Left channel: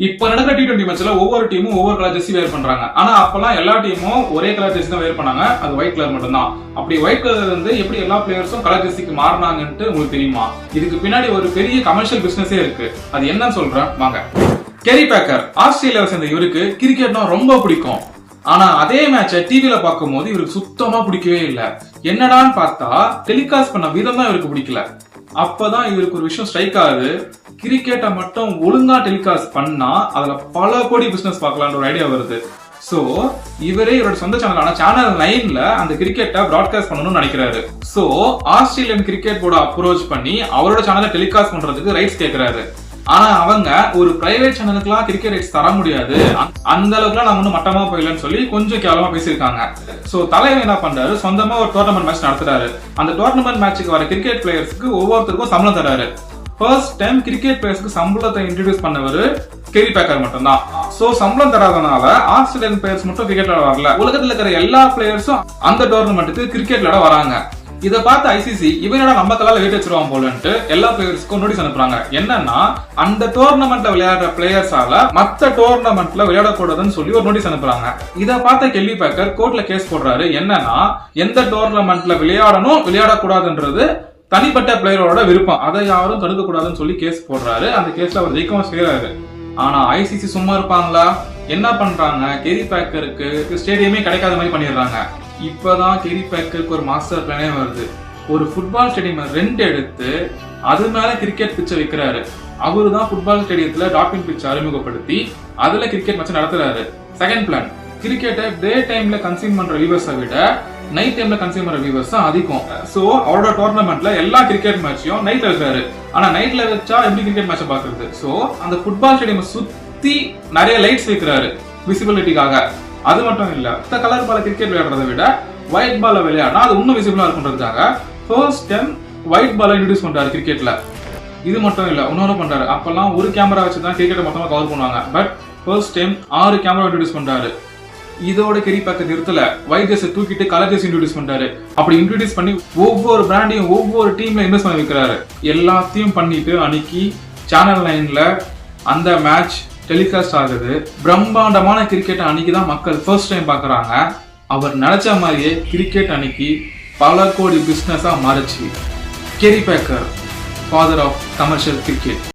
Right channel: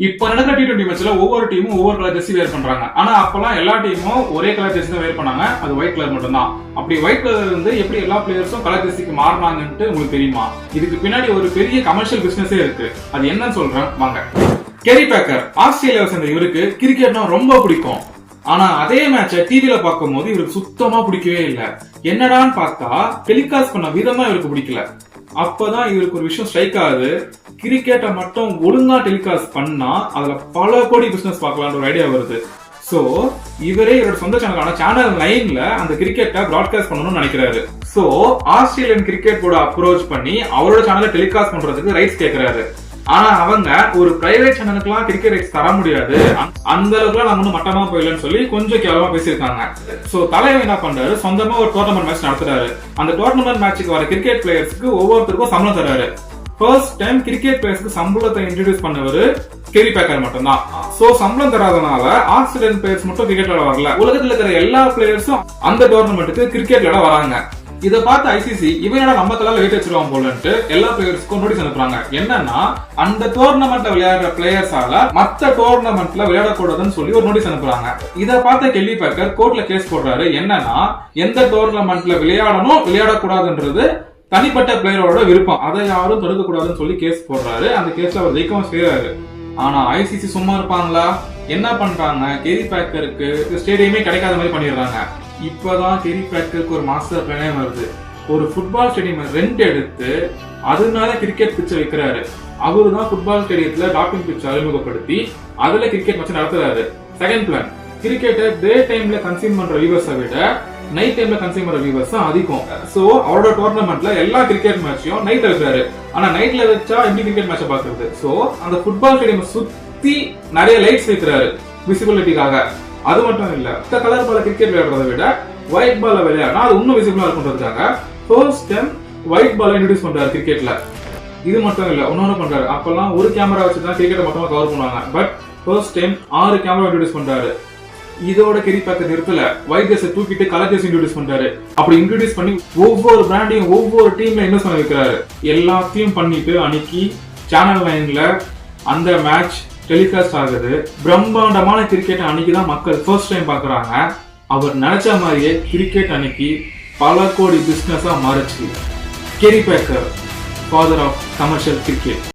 இப்ப நடக்கிற T20 மேட்ச்ல ஒவ்வொரு டீமும் ஒவ்வொரு கலர் ஜெர்சி வேர் பண்றாங்க. ஆனா அப்பெல்லாம் எல்லா டீமும் ஒரே கலர் ஜெர்சி தான் வேர் பண்ணாங்க. அது ஒயிட் கலர் மட்டும் தான். அப்படி ஒயிட் கலர் இருந்து எப்படி எல்லா பிளேயர்ஸும் கலர் ஜெர்சிக்கு மாறினாங்கன்னு உங்களுக்கு தெரியுமா? இதுக்கு பின்னாடி ஒரு பெரிய கமர்ஷியல் பிசினஸே இருக்கு. அது என்னன்னு சொல்றேன் வாங்க. கேரி பேக்கர் ஆஸ்திரேலியாவை சேர்ந்த இவருக்கு கிரிக்கெட்னா ரொம்ப பிடிக்கும். ஆனா அதே மேட்சை டிவில பார்க்கும்போது இவருக்கு சுத்தமா பிடிக்கவே இல்லை. என்னடான்னு பார்த்தா டெலிகாஸ்ட் பண்ண விதம் தான் இவருக்கு பிடிக்கல. அப்பதான் இவருக்கு ஒரு விஷயம் ஸ்ட்ரைக் ஆகுது. கிரிக்கெட்டை மட்டும் ஒழுங்கா டெலிகாஸ்ட் பண்ணா அதுல பல கோடி பிசினஸ் பார்க்கலாம்னு ஒரு ஐடியா வருது. சோ இவரே இவரோட சொந்த சேனலான சேனல் 9ல அந்த கிரிக்கெட்டை பிராட்காஸ்ட் பண்ணணும்னு நினைக்கிறாரு. So Australian cricket board approach பண்ணி அவரோட சேனலை டெலிகாஸ்ட் பண்றதுக்கு ரைட்ஸ் கேட்கிறாரு. ஆனா அவங்க ஒரு பிரைவேட் சேனலுக்குலாம் கிரிக்கெட் ரைட்ஸ் தர முடியாது, அந்த அளவுக்குலாம் நம்ம ஒன்னும் மட்டமா போயிடலன்னு சொல்லி கொஞ்சம் கேவலமா பேசியிருக்காங்க. சோ தலைவர் என்ன பண்றாரு, சொந்தமா ஒரு டோர்னமெண்ட் மேட்ச் நடத்துறாரு. அந்த டோர்னமெண்ட் மேட்சுக்கு வர கிரிக்கெட் பிளேயர்ஸ்க்கு ஒவ்வொருத்தருக்கும் சம்பளம் தராரு. ஃபர்ஸ்ட் டைம் கிரிக்கெட் பிளேயர்ஸ்க்கு சம்பளத்தை இன்ட்ரோடியூஸ் பண்ணவர் கேரி பேக்கர் மட்டும்தான். சோ சம்பளம் தராதனால ஆஸ்திரேலியன் பிளேயர்ஸ் மட்டும் கிரிக்கெட் விளையாட வரல. உலகத்துல இருக்கிற எல்லா பிளேயர்ஸும் அந்த டோர்னமெண்ட்டுக்கு கிரிக்கெட் விளையாட வராங்க. இதை பார்த்து ஐசிசி இவனோட நம்ம கலால வெயிட் வச்சிருவான் போலன்ட்டு எல்லா பிளேயர்ஸ்க்கும் நோட்டீஸ் அனுப்புறாங்க. என்னன்னா அந்த டோர்னமெண்ட்ல விளையாடுற பிளேயர்ஸால மத்த டோர்னமெண்ட்ல விளையாடக்கூடாதுன்னு சொல்லி ஒரு நோட்டீஸ் அனுப்புறாங்க. இதை பார்த்த கேரி பேக்கர் கோர்ட்ல கேஸ் போடுறாரு. என்னன்னா எந்த டோர்னமெண்ட்ல விளையாடணும் விளையாடக்கூடாதுன்றது தனிப்பட்ட பிளேயரோட விருப்பம், அதை யாரும் தடுக்க கூடாதுன்னு சொல்லி கேஸ் போடுறாரு. அந்த கேஸ்ல அவர் ஜெயிக்கவும் செய்யறாரு. ஆனா ஐசிசி சும்மா இருப்பாங்களா? என்ன பண்றாங்க, கேரி பேக்கருக்கு ஸ்டேடியமே கிடைக்காத மாதிரி பண்ணிடுறாங்க. இப்பதான் கேரி பேக்கருக்கு ஒரு மாஸ்டர் பிளானே வருது. ஒரு ஃபுட்பால் ஸ்டேடியம் ரெண்ட் எடுத்து அது மேல கிரிக்கெட் பிட்சை வைக்கிறாரு. அவரு தான் ஃபுட்பால் ஸ்டேடியத்துல டாப்பிங் பிட்ச் அறிமுகப்படுத்தி அதுல கிரிக்கெட் மேட்ச் நடத்துறாரு. செகண்ட் பிளான், கிரிக்கெட்டை டே டைம்ல கன்சியூம் பண்ற வியூவர்ஸை விட நைட் டைம்ல கன்சியூம் பண்ற வியூவர்ஸ் அதிகம். சோ அவரோட டோர்னமெண்ட்ல எல்லா கிரிக்கெட் மேட்சையும் நைட் வைக்கிறாரு. ஆனா நைட்ல வச்சா எப்படி கிரிக்கெட் மேட்சை பாக்குறது? சோ அந்த ஃபுட்பால் ஸ்டேடியம் சுத்தி நிறைய லைட்ஸ் வைக்கிறாரு விசிபிலிட்டிக்காக. அது மட்டும் இல்ல, கலர் பால கிரிக்கெட் விளையாடுறதை விட ஒயிட் பால விளையாடினா அது இன்னும் விசிபிளா இருக்குன்றதுக்காக ஃபர்ஸ்ட் டைம் ஒயிட் பால இன்ட்ரோடியூஸ் பண்றாரு கிரிக்கெட்ல. இது மட்டும் இல்ல, இன்னொன்னு பண்றாரு. அப்பெல்லாம் ஒரு கேமரா வச்சுதான் கிரிக்கெட்டை மொத்தமா கவர் பண்ணுவாங்க. But first time 6 camera introduce பண்றாரு. இதோட கேரி பேக்கர் நிறுத்தல, ஒயிட் ஜெர்சி தூக்கிட்டு கலர் ஜெர்சி இன்ட்ரோடியூஸ் பண்றாரு. அப்படி இன்ட்ரோடியூஸ் பண்ணி ஒவ்வொரு பிராண்டையும் ஒவ்வொரு டீம்ல இன்வெஸ்ட் பண்ணி வைக்கிறாரு. எல்லாத்தையும் பண்ணிட்டு அன்னைக்கு சேனல் 9ல அந்த மேட்ச் டெலிகாஸ்ட் ஆகுது. பிரம்மாண்டமான கிரிக்கெட் அன்னைக்குதான் மக்கள் ஃபர்ஸ்ட் டைம் பாக்குறாங்க. அவர் நினைச்ச மாதிரியே கிரிக்கெட் அன்னைக்கு பல கோடி பிசினஸா மாறிச்சு. Kerry Packer, father of commercial cricket.